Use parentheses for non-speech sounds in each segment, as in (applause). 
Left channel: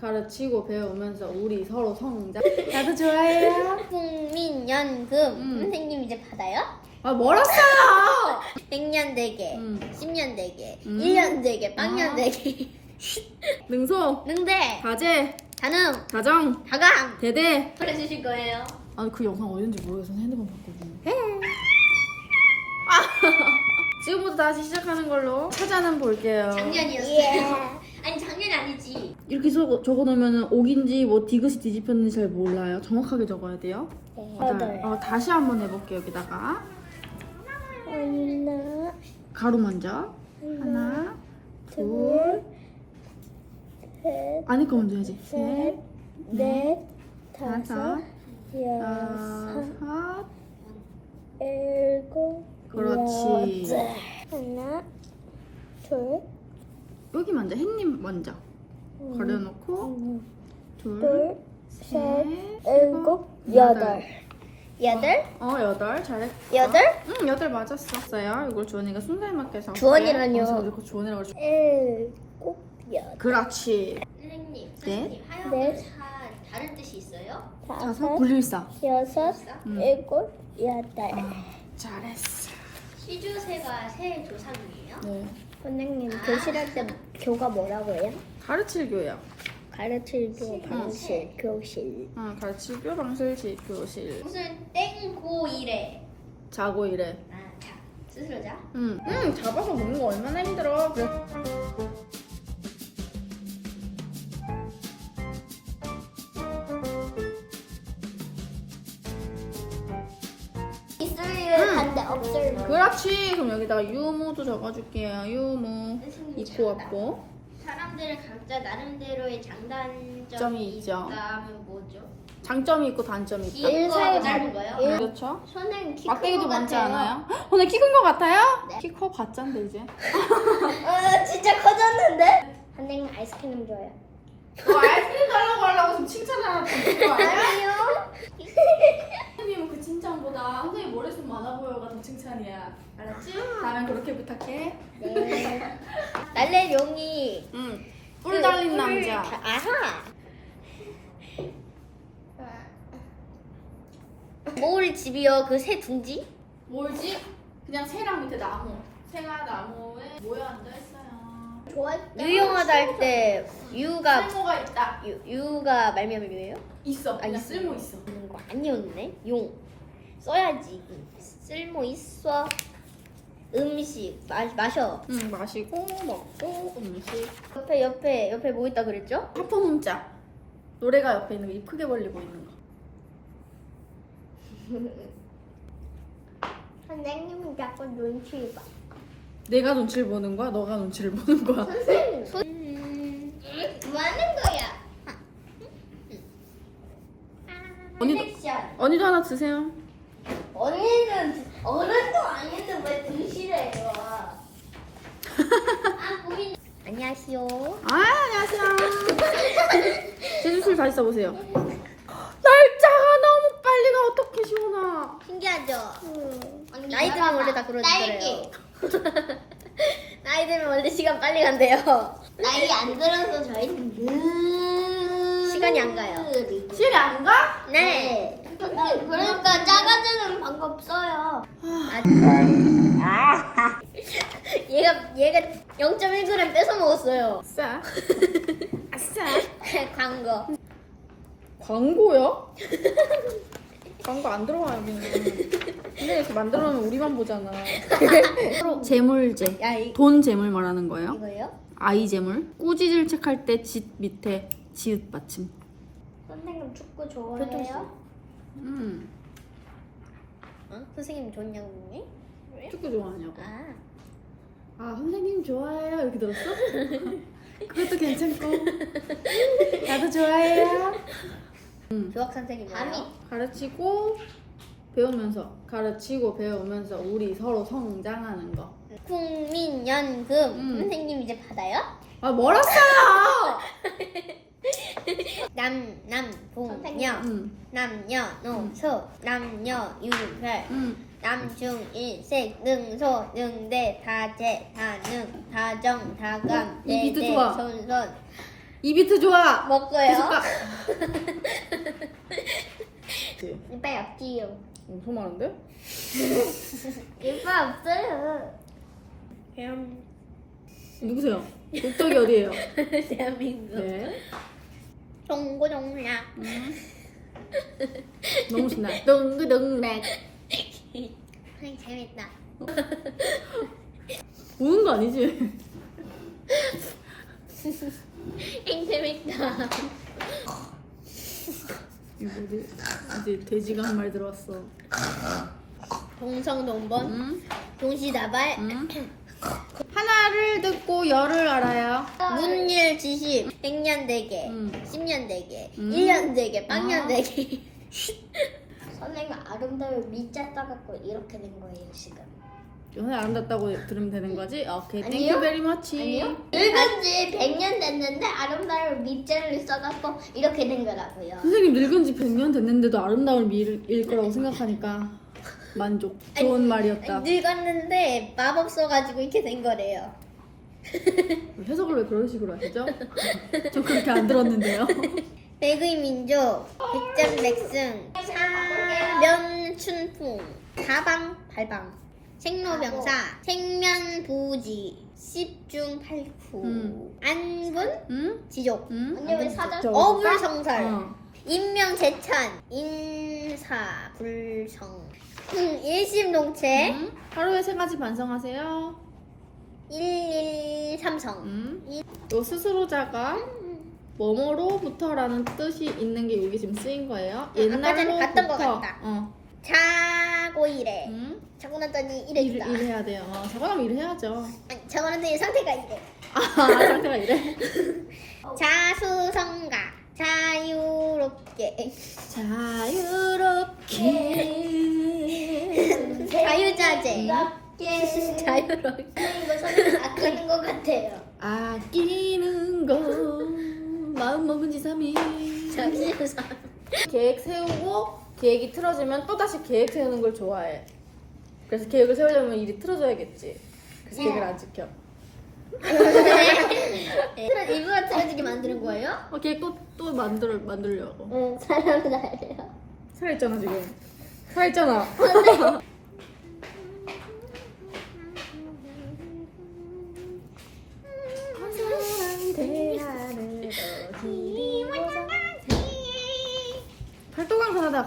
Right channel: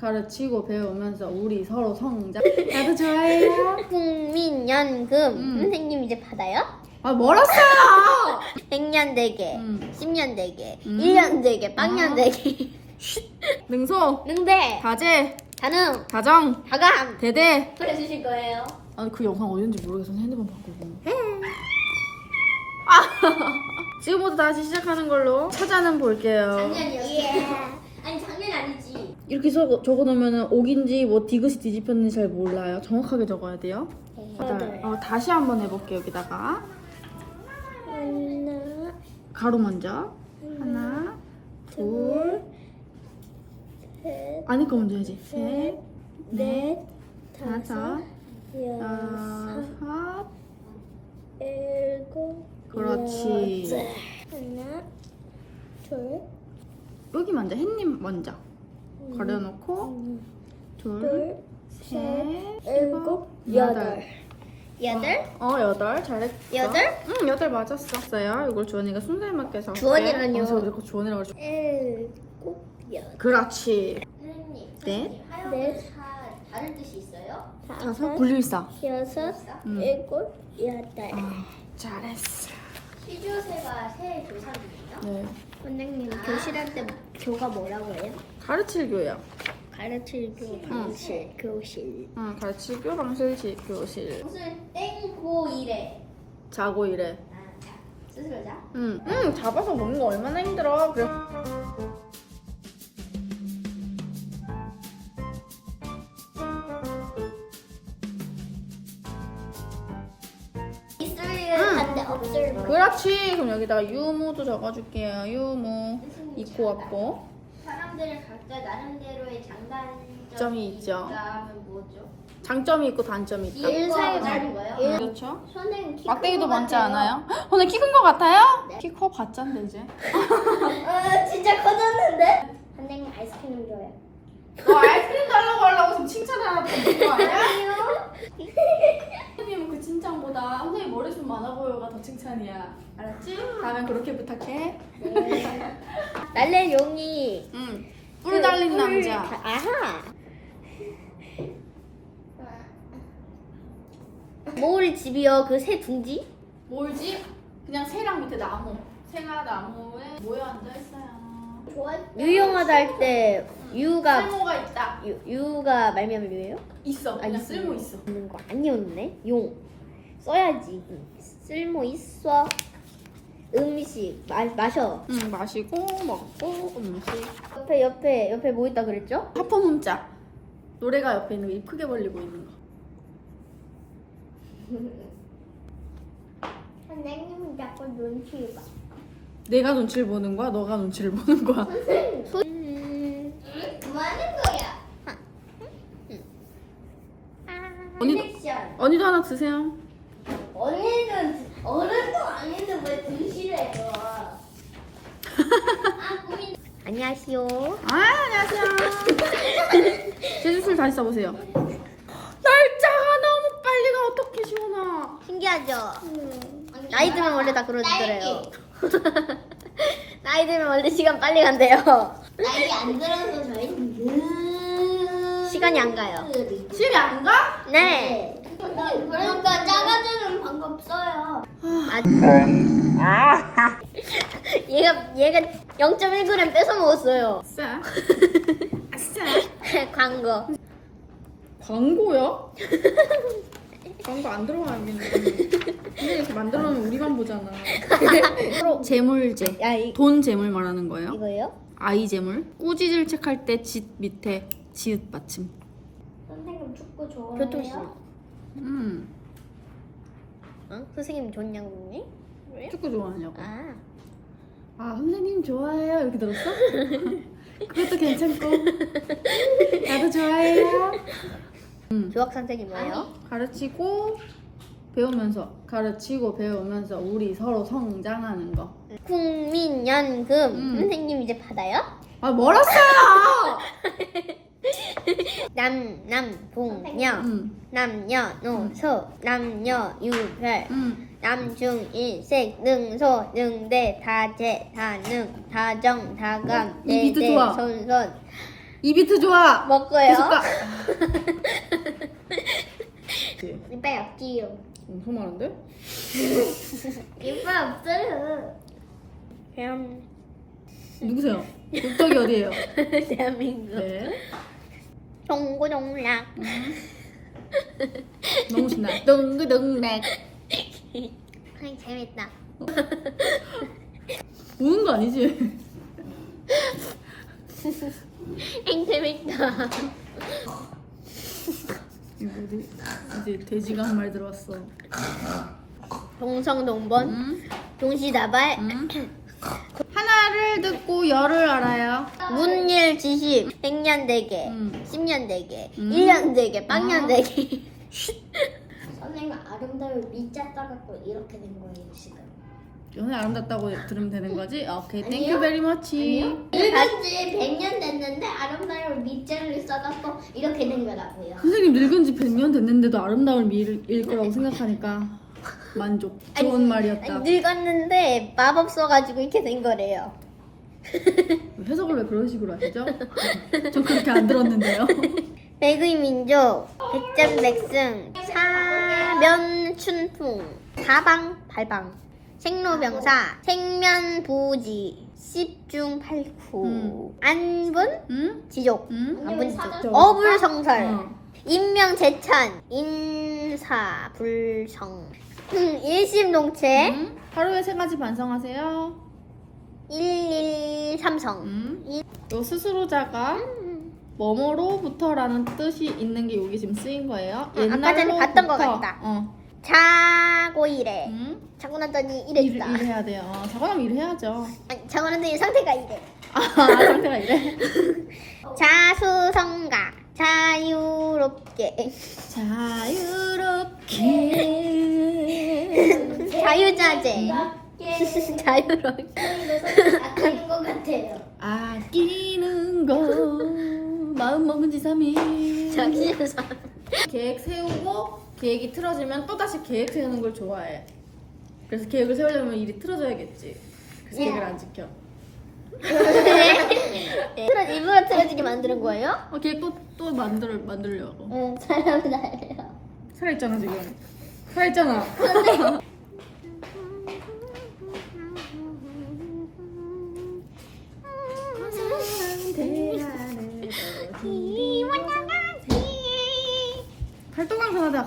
가르치고 배우면서 우리 서로 성장. 나도 좋아해요. 국민연금 음. 선생님 이제 받아요? 아 멀었어요. 백년 대계, 음. 십년 대계, 음. 일년 대계, 빵년 아. 대계. 능소, 능대, 다재, 가능, 다정, 다감. 대대. 해주실 거예요. 아니 그 영상 어딘지 모르겠어. 핸드폰 바꾸고. 아, (laughs) 지금부터 다시 시작하는 걸로 찾아는 볼게요. 작년이었어요. 작년이 아니지. 이렇게 적어, 적어놓으면 옥인지 뭐 디귿이 뒤집혔는지 잘 몰라요. 정확하게 적어야 돼요. 맞아요. 어, 다시 한번 해볼게요. 여기다가 하나, 가로 먼저 하나, 둘, 셋, 아니 거 먼저 해야지. 셋, 넷, 다섯, 여섯, 여섯. 일곱, 그렇지. 여덟. 하나, 둘, 여기 먼저 햇님 먼저 가려놓고 하나, 둘, 둘, 셋, 셋, 일곱, 일곱, 여덟. 여덟? 어 여덟 잘했어. 여덟? 응 여덟 맞았었어요. 이걸 주원이가 순살 맞게 적을게요. 주원이라뇨. 어, 그리고 주원이라고. 적- 일곱, 여덟. 그렇지. 선생님, 네. 선생님, 하여튼 다른 뜻이 있어요? 다섯 다섯, 분리일사. 여섯, 음. 일곱, 여덟. 아 잘했어. 시조새가 새 조상이에요? 네. 선생님 교실할 때 교가 뭐라고 해요? 가르칠 교요. 가르치고 방식 교실. 어, 가르치교 방실시 교실. 무슨 땡고이래. 자고 이래. 아, 자, 스스로 자. 응. 응 잡아서 먹는 거 얼마나 힘들어. 그래. 반대 없을 그렇지. 그럼 여기다가 유무도 적어줄게요. 유무. 있고 왔고. 사람들은 각자 나름대로의 장단점이 점이 있죠. 있다면 뭐죠? 장점이 있고 단점이 있다. 일상이 짧은 거예요? 그렇죠. 선생님 키 막대기도 큰것 많지 같아요. 않아요? 오늘 키 큰 거 같아요? 키 커 봤잖데 이제. 아, (laughs) 진짜 커졌는데? 선생님 아이스크림 좋아해요. 너 지금 칭찬 하나 받는 거 아니야? 선생님은 그 칭찬보다 선생님 머리숱 많아 보여가 더 칭찬이야. 알았지? 다음엔 그렇게 부탁해. 날래 용이 응. 뿔 달린 남자. 아하. 모을 집이요 그 새 둥지? 뭘지? 그냥 새랑 밑에 나무. 새가 나무에 모여 앉아 있어요. 유용하다 할 때 유가 쓸모가 있다. 유, 유가 말미암아 유예요? 있어. 아, 있어요. 쓸모 있어. 음, 많이었네. 용 써야지. 쓸모 있어. 음식 마, 마셔. 응, 마시고 먹고 음식. 옆에 옆에 옆에 뭐 있다 그랬죠? 하프 문자. 노래가 옆에 있는 거 입 크게 벌리고 있는 거. 선생님은 자꾸 눈치를 봐. 내가 눈치를 보는 거야? 너가 눈치를 보는 거야? 음, 뭐 하는 거야? 언니도- 섹션. 언니도 하나 드세요. 언니는 어른도 아닌데 왜 눈치를 줘? (laughs) 아. 안녕하세요. 아, 안녕하세요. (laughs) 제주술 다시 써보세요. 날짜가 너무 빨리 가. 어떻게 시원하. 신기하죠? 나이 들면 원래 다 그러더래요. (laughs) 나이 들면 원래 시간 빨리 간대요. 나이 안 들어서 저희는 시간이 안 가요. 시간이 안 가? 네. 그러니까 작아지는 방법 써요. 얘가 얘가 0.1g 뺏어 먹었어요. 아싸. (laughs) 아싸. (laughs) 광고. 광고요? (laughs) 광고 안 들어와 여기는. 이렇게 만들어 놓으면 우리만 보잖아. (laughs) 재물제. 야 이, 돈 재물 말하는 거예요? 이거예요? 아이 재물. 꾸지를 책할 때 짓 밑에 지읒 받침. 선생님 축구 교통수. 좋아해요? 음. 어? 선생님 좋냐고 묻니? 축구 좋아하냐고. 아. 아 선생님 좋아해요 이렇게 들었어? (laughs) 그것도 괜찮고 나도 좋아해요 교학 선생님 뭐예요? 가르치고 배우면서 가르치고 배우면서 우리 서로 성장하는 거. 국민연금 음. 선생님 이제 받아요? 아 멀었어요. (laughs) 남남봉녀 응, 남녀노소 남녀유별 응. 남중일색 능소 능대 다재 다능 다정 다감 이 비트 대대 좋아. 손손 비비트 좋아. 먹고요. 계속 가. (laughs) 이빨 없지요. 엄청 많은데? 이빨 없어요. 그냥 누구세요? 국적이 어디예요? 대한민국. 네. 동고동락. 너무 신나. 덩그덩락. 아이 재밌다. 우는 거 아니지? (laughs) 행 재밌다. 이거 어디 어디 돼지가 한 마리 들어왔어. 동성동본. 응? 동시다발. 응? 하나를 듣고 열을 알아요. 문일 지십. 백년대계. 음. 십년대계. 음. 일년대계. 아. 빵년대계. (laughs) 선생님 아름다운 밑자 따갖고 이렇게 된 거예요 지금. 연애 아름답다고 들으면 되는 거지? 아, 오케이. 아니요. 땡큐 베리 머치. 늙은 지 100년 됐는데 아름다운 밑자를 써갖고 이렇게 된 거라고요. 선생님 늙은 지 100년 됐는데도 아름다울 미일 거라고 생각하니까 만족. 좋은 말이었다. 늙었는데 마법 써가지고 이렇게 된 거래요. (laughs) 해석을 왜 그런 식으로 하시죠? (laughs) 좀 그렇게 안 들었는데요. (laughs) 백의 민족, 백전백승, 사면춘풍, 사방팔방, 생로병사, 생면부지, 십중팔구, 음. 안분, 응? 지족, 응? 안분 사전- 지족, 어불성설, 어. 인명재찬, 인사불성, 음, 일심동체, 응? 하루에 세 가지 반성하세요. 일일삼성. 응? 요 스스로자가 뭐뭐로부터라는 뜻이 있는 게 여기 지금 쓰인 거예요. 아까 전에 옛날로부터. 봤던 것 같다. 어. 자고 이래. 응? 자고 났더니 일, 이랬다. 일해야 돼요. 어, 자고 나면 일해야죠. 아니, 자고 났더니 상태가 이래. 아, 상태가 이래? (laughs) 자수성가 자유롭게 자유롭게. (laughs) 자유자재 예. 자유롭게 (laughs) 것 같아요. 아끼는 거. 마음 먹은 지 3일. 자유상 계획 세우고 계획이 틀어지면 또다시 계획 세우는 걸 좋아해. 그래서 계획을 세우려면 일이 틀어져야겠지. 그래서 계획을 안 지켜. 틀어 일부러 틀어지게 만드는 거예요? 어, 계획 또, 또 만들, 만들려고. 응 사람은 알아요 살아있잖아, 지금. 살아있잖아. (laughs)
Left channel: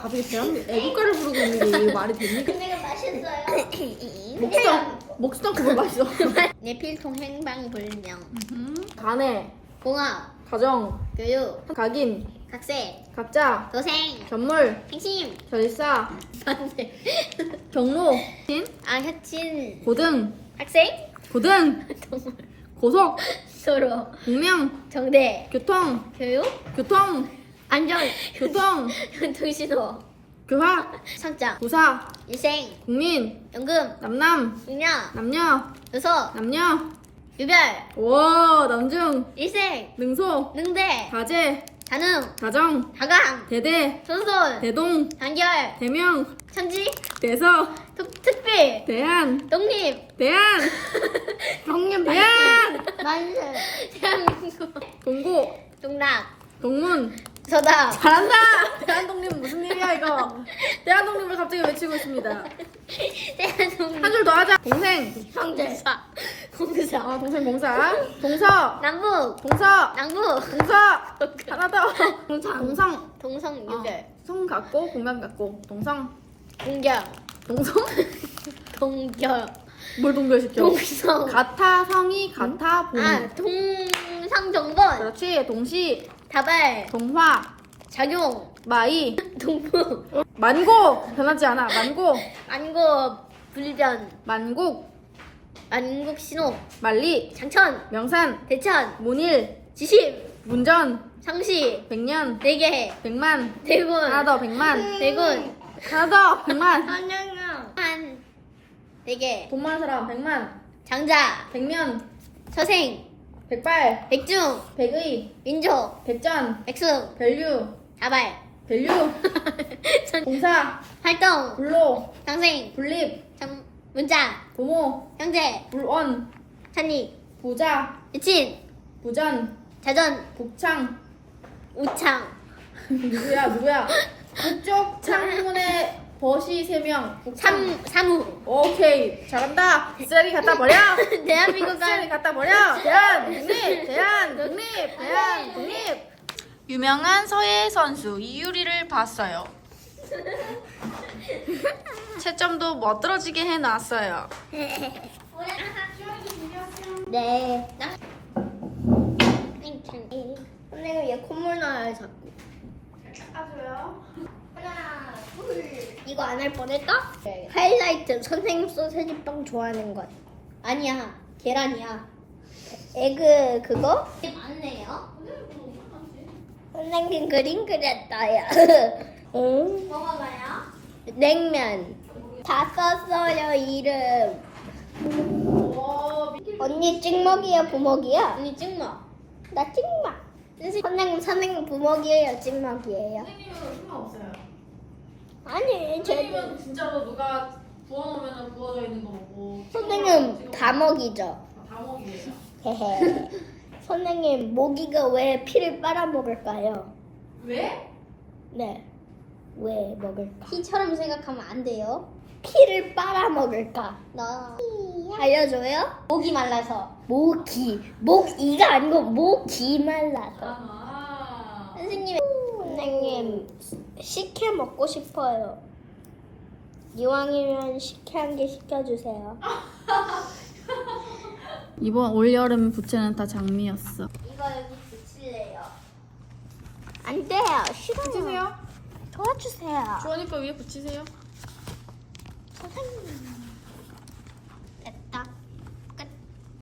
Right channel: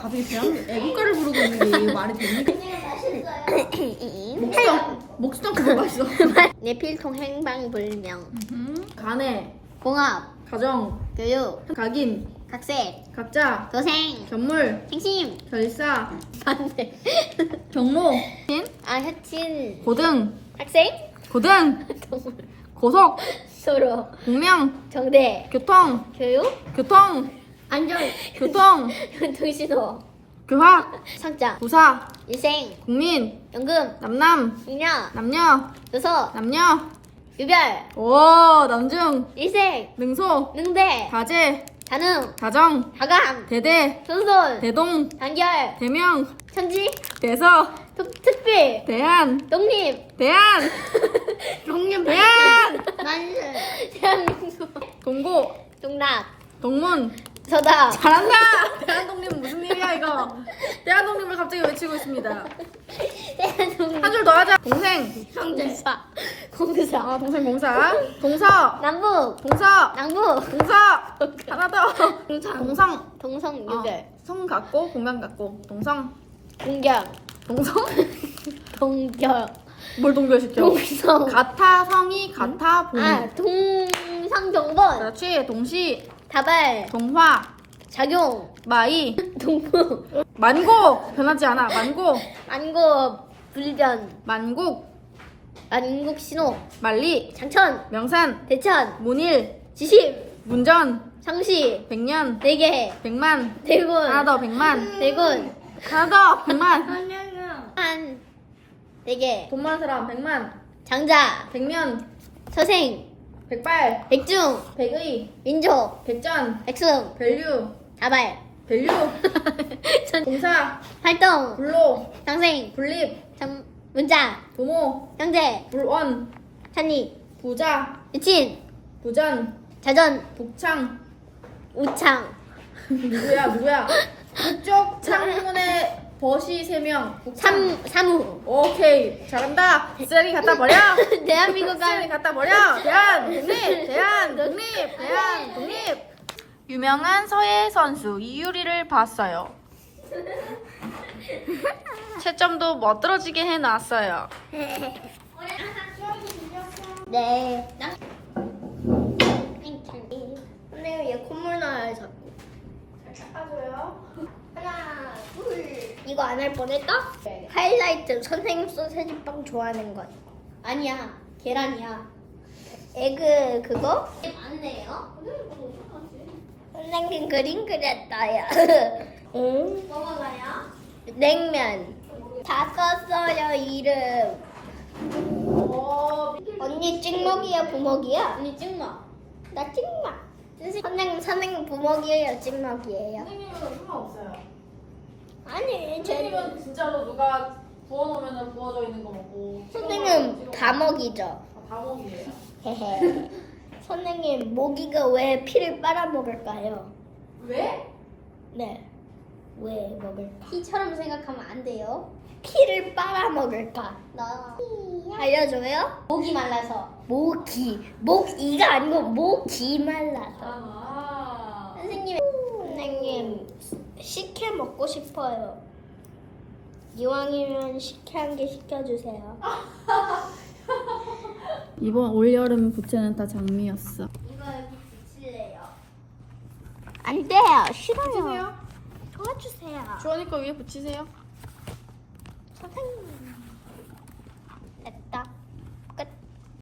갑자기 대한민국 애국가를 부르고 있는 게 이게 말이 됩니까? 선생님 맛있어요. 먹지도, 먹지도 않고 뭘 마셔. 내필통 행방불명. 가내, 공업 가정, 교육. 각인, 학생 각자, 도생. 전물, 행심. 결사, 반대. 경로, 아 혁신. 고등, 학생. 고등, (laughs) 고속, 서로. 공명, 정대. 교통, 교육. 교통, 안정 교통, 교통신호. 교학, 상장 부사, 일생. 국민, 연금. 남남, 육녀. 남녀, 요소. 남녀, 유별. 오, 남중, 일생. 능소, 능대. 가재, 가능. 가정, 가감 대대, 손손. 대동, 단결. 대명, 천지. 대서, 특, 특별. 대한, 독립. 대한, 동년 대한, 만세. 대한민국 동고, 동락 동문, 서다 잘한다! 대한독립은 무슨 일이야, 이거? 대한독립을 갑자기 외치고 있습니다. 대한민국 한 줄 더 하자. 동생, 공사 공사 어, 동생 공사. 동서, 남북 동서, 남북 동서. 하나 더. 동성. 동성 어, 유별 성 갖고, 공간 갖고. 동성. 동결 동성? 동결 뭘 동결시켜? 동성 같아, 성이, 같아, 봄. 아 동상정번 그렇지. 동시, 다발 동화, 작용. 마이, 동부 만고. 변하지 않아. 만고, 안고 불변. 만국, 안국 신호. 만리, 장천. 명산, 대천. 문일, 지심 문전, 상시. 백년, 네개. 백만. 대군. 하나 더, 백만. 대군. 하나 더, 백만. 한 네개. 돈 많은 사람, 백만. 장자. 백면, 서생 백발, 백중. 백의, 민족 백전, 백승 밸류, 다발. 밸류, (laughs) 공사, 활동. 불로, 상생. 분립, 장 문자. 부모, 형제. 불원, 찬이 부자, 미친. 부전, 자전. 복창. 우창. (laughs) 누구야 누구야? 북쪽 (laughs) 창문에 벗이 세명 복창 삼 사무 오케이 잘한다. 쓰레기 갖다 버려. (laughs) 대한민국 쓰레기 갖다 버려. 대한 독립 대한 독립 대한 독립. 유명한 서예 선수 이유리를 봤어요. 채점도 멋들어지게 해놨어요. 네. 선생님 얘 콧물 나요 자꾸. 둘. 이거 안 할 뻔했다? 하이라이트 선생님 소세지 빵 좋아하는 것. 아니야 계란이야. 에그 그거? 이게 많네요. 선생님 그림 그렸어요. (laughs) 응? 먹어봐요. 냉면. 다 썼어요 이름. 언니 찍먹이야 부먹이야? 언니 찍마. 나 찍먹. 선생님 선생님 부먹이에요 찍먹이에요? 선생님은 상관없어요 아니 제 선생님은 진짜로 누가 부어놓으면 부어져 있는 거 먹고 선생님 다 먹이죠. 다 먹이래요 헤헤. (laughs) 선생님 모기가 왜 피를 빨아먹을까요? 왜? 네. 왜 먹을까? 피처럼 생각하면 안 돼요. 피를 빨아먹을까? 나 알려줘요? 목이 말라서. 모기. 모기가 아니고 모기 말라서. 아 선생님 선생님 식혜 먹고 싶어요. 이왕이면 식혜 한 개 시켜주세요. (laughs) 이번 올여름 부채는 다 장미였어 이거 여기 붙일래요. 안 돼요. 싫어요. 붙이세요 도와주세요. 주원이 거 위에 붙이세요 선생님.